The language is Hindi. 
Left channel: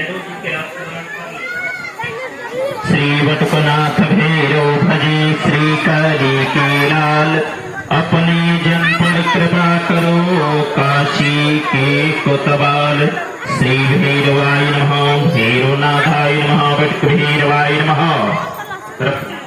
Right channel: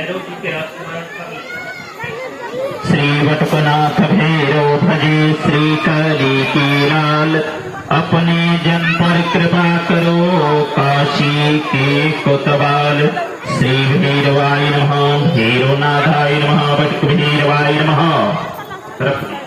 भैरव जी के आप स्मरण कर लें। श्री वटकनाथ भैरव भजे श्री करी की लाल, अपने जन पर कृपा करो काशी के कोतवाल। श्री भैरवाय नमः, भैरवनाथाय नमः, वटक भैरवाय नमः।